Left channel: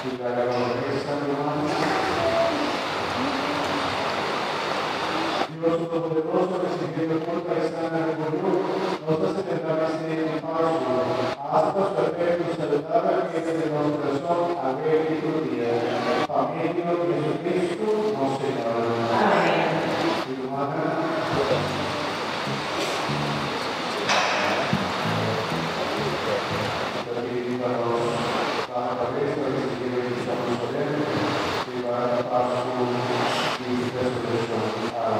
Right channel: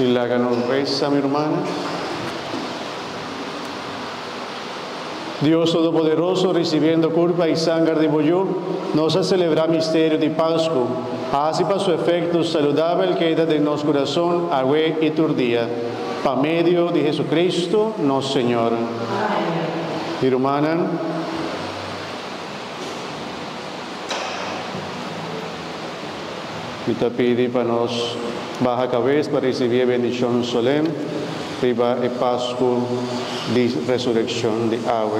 Y la reza, mi hermana. Dios Todopoderoso, recibiendo culpa y sangre de bollo, nos ha celebrado el misterio de Pascua. Así para su efecto saludable queda de nuestro corazón, agüe y turdía. Pa medio de Jesucristo, nuestro Señor. Amén. Mi hermana. Y te pide para nos baja cabeza para recibir bendición solemne y Pascua de resurrección de agua.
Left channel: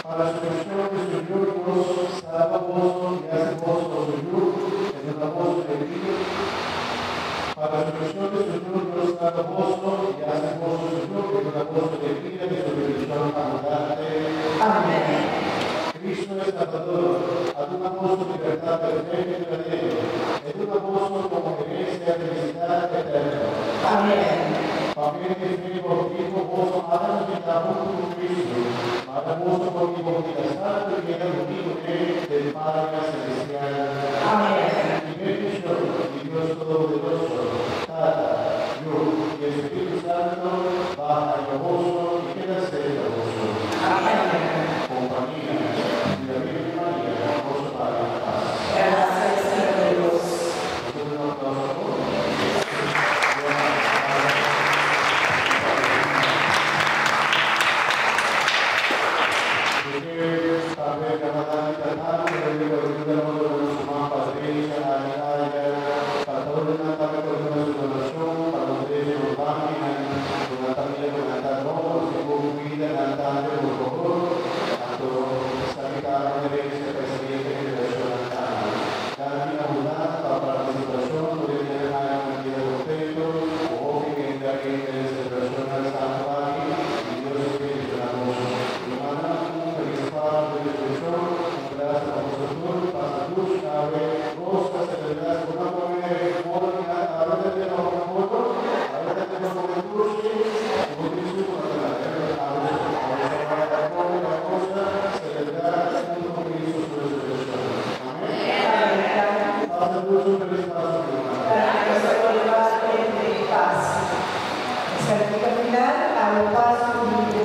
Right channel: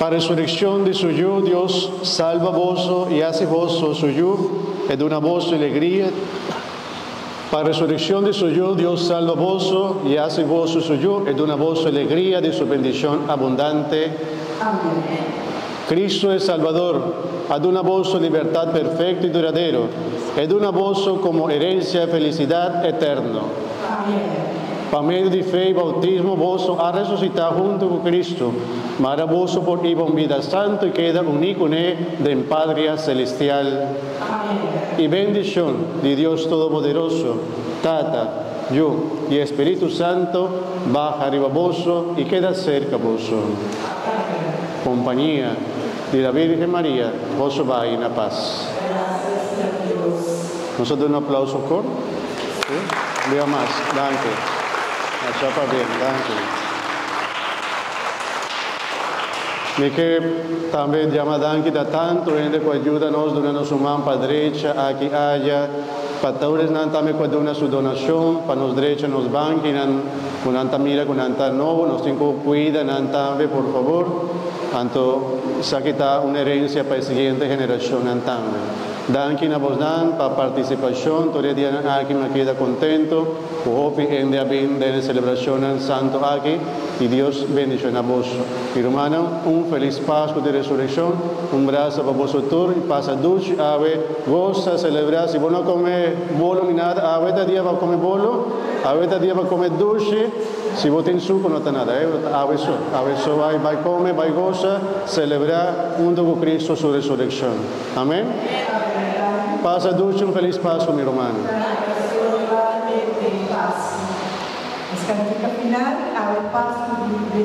Para resurrección de suyo, Dios salva vos y hace vos suyo, es de una voz de alegría. Para resurrección de suyo, Dios salva vos y hace vos suyo, es de una voz de alegría de su bendición abundante. Amén. Cristo es Salvador, ha de una voz de libertad perfecta y duradero, es de una voz como herencia de felicidad eterna. Amén. Por medio de fe y bautismo, vos ha resucitado junto con Cristo, maravilloso por Ivo vida santo y queda unido con él de Padre celestial. Amén. Y bendición de Dios Todopoderoso, Tata, yo y Espíritu Santo, baja arriba vos y queda cerca vos. Amén. Compañía de la Virgen María, vos va en la paz. Nosotros un aplauso por. ¿Sí? Leo más, gracias. Mi que también llama Danki da tanto, gente que ayuda-nos durante su mano para derecha, aquí haya, para todos también puede dar su donación, para nos derecha nos banqui, con anta mira, con anta nuevo, nos tengo cuida, también por favor, tanto saquita una herencia para la siguiente generación también. Danki na vos dan para participación, todo el día aquí me queda contento, hopi en día bien de la celebración santo aquí, y Dios bendición a vos. Mi hermano, un feliz Pascua de resurrección, un abrazo para vosotros, pasa dulce, ave, goza, celebrar, si vos no comes bolo ni nada, ave día va a comer bolo, ave día va a comer dulce, si vos tenés suco no está nada, ave so va a comer, va a gozar, celebrar junto con Cristo su resurrección. Amén. Pasa dulce, un feliz Pascua, mi hermano. Final, a un paso de